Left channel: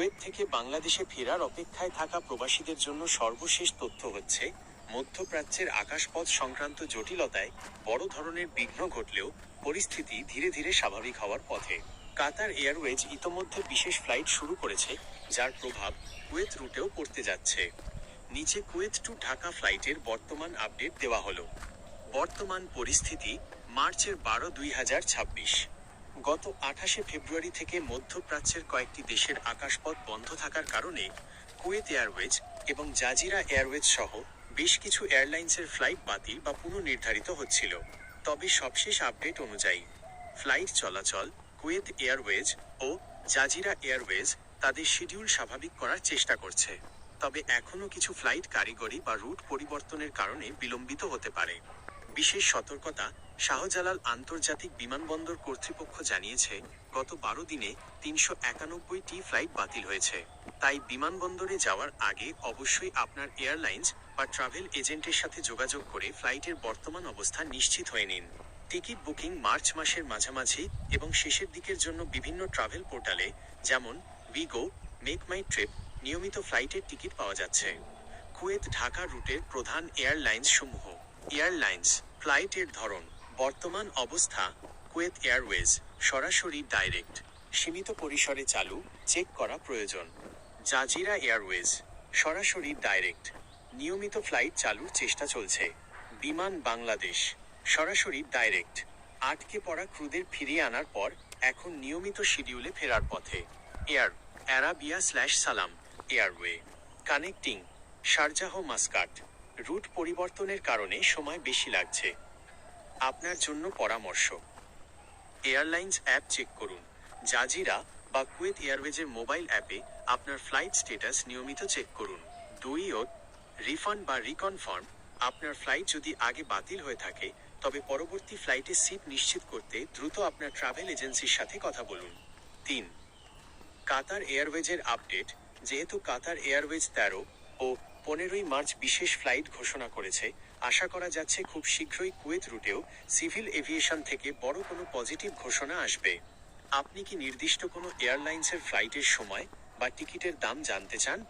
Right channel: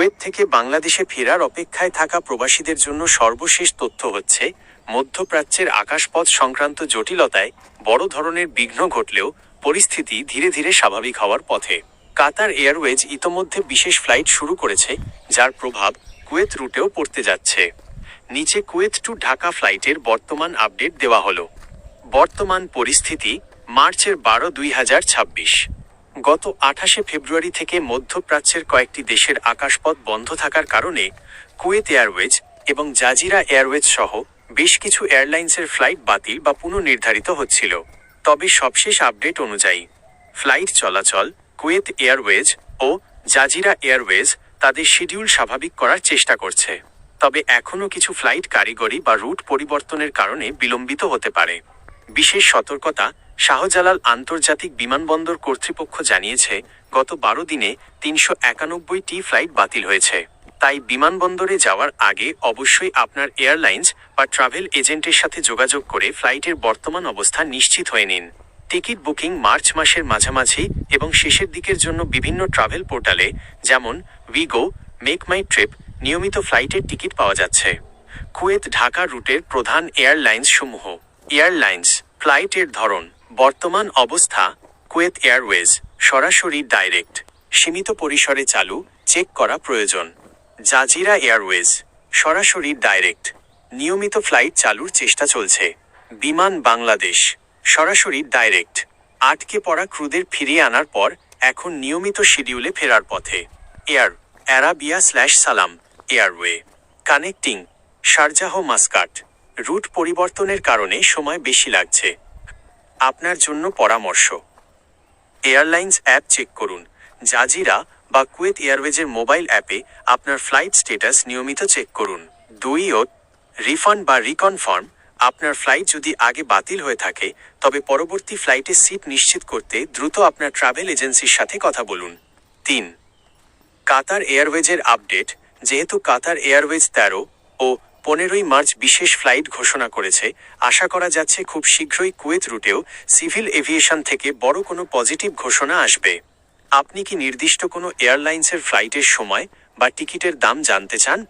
Kuwait থেকে বাংলাদেশে ফেরার অপেক্ষায় থাকা প্রবাসীদের জন্য সর্বশেষ তথ্য হচ্ছে, মধ্যপ্রাচ্যের আকাশপথ সংক্রান্ত জটিলতায় বড় ধরনের বিঘ্ন ঘটলেও পরিস্থিতি ধীরে ধীরে স্বাভাবিক হওয়ার পথে। কাতার এয়ারওয়েজ ইতোমধ্যে বিশেষ ফ্লাইট শুরু করেছে, যার প্রভাব কুয়েত রুটেও পড়তে যাচ্ছে। নিচে কুয়েত টু ঢাকা ফ্লাইটের বর্তমান আপডেট দেওয়া হলো। বর্তমান পরিস্থিতি মার্চের 12-2026। গত 28 ফেব্রুয়ারি থেকে মধ্যপ্রাচ্যের কয়েকটি দেশের আকাশপথ বন্ধ থাকার কারণে কুয়েত এয়ারওয়েজ এবং জাজিরা এয়ারওয়েজ সহ বেশ কিছু এয়ারলাইন্সের ফ্লাইট বাতিল বা পুনর্নির্ধারিত হচ্ছিল। তবে সবশেষ আপডেট অনুযায়ী ফ্লাইট চলাচল, কুয়েত এয়ারওয়েজ ও জাজিরা এয়ারওয়েজ তাদের শিডিউল স্বাভাবিক করার চেষ্টা করছে। তবে এখনও কিছু ফ্লাইট কারিগরি বা রুট পরিবর্তনের কারণে বিলম্বিত হতে পারে। বিশেষ সতর্কতা, শাহজালাল আন্তর্জাতিক বিমানবন্দর কর্তৃপক্ষ জানিয়েছে, গত 12 দিনে 391টি ফ্লাইট বাতিল হয়েছে। তাই বিমানবন্দরে যাওয়ার আগে অবশ্যই আপনার এয়ারলাইন্স বা ট্রাভেল এজেন্টের সাথে যোগাযোগ করে ফ্লাইটের বর্তমান অবস্থা নিশ্চিত হয়ে নিন। টিকিট বুকিং মার্চ মাসের মাঝামাঝি এবং শেষের দিকের জন্য বিভিন্ন ট্রাভেল পোর্টালে যেমন উইগো, মেক মাই ট্রিপ নিয়মিত ফ্লাইটের টিকিট পাওয়া যাচ্ছে। কুয়েত ঢাকা রুটের প্রধান এয়ারলাইন্স সমূহ। এয়ারলাইন্স ফ্লাইটের ধরন, বর্তমান অবস্থা: কুয়েত এয়ারওয়েজ সরাসরি ডাইরেক্ট, সীমিত পরিসরে চালু, চেক করা প্রয়োজন। জাজিরা এয়ারওয়েজ সরাসরি ডাইরেক্ট, নিয়মিত ফ্লাইট চালুর চেষ্টা চলছে। বিমান বাংলাদেশ সরাসরি ডাইরেক্ট, আটকে পড়া ক্রুদের ফিরিয়ে আনার পর এখন নিয়মিত শিডিউলে ফেরার পথে। Air Arabia Salam airway connecting Sharjah Muscat, route পরিবর্তনের কারণে সময় বেশি লাগছে। আপনার জন্য পরামর্শ: এয়ারলাইন্স অ্যাপ চেক করুন। জাজিরা বা কুয়েত এয়ারওয়েজের মোবাইল অ্যাপে আপনার ফ্লাইট স্ট্যাটাস নিয়মিত চেক করুন। 2. রিফান্ড বা রিকনফার্ম, আপনার ফ্লাইট যদি আগে বাতিল হয়ে থাকে তবে পরবর্তী ফ্লাইটে সিট নিশ্চিত করতে দ্রুত আপনার ট্রাভেল এজেন্সির সাথে কথা বলুন। 3. কাতার এয়ারওয়েজের আপডেট, যেহেতু কাতার এয়ারওয়েজ 13 ও 15 মার্চ বিশেষ ফ্লাইট ঘোষণা করেছে, আশা করা যাচ্ছে খুব শীঘ্রই কুয়েত রুটেও সিভিল এভিয়েশন থেকে বড় কোনো পজিটিভ ঘোষণা আসবে। আপনি কি নির্দিষ্ট কোনো এয়ারলাইন্সের ফ্লাইটের সময় বা টিকিটের দাম জানতে চান?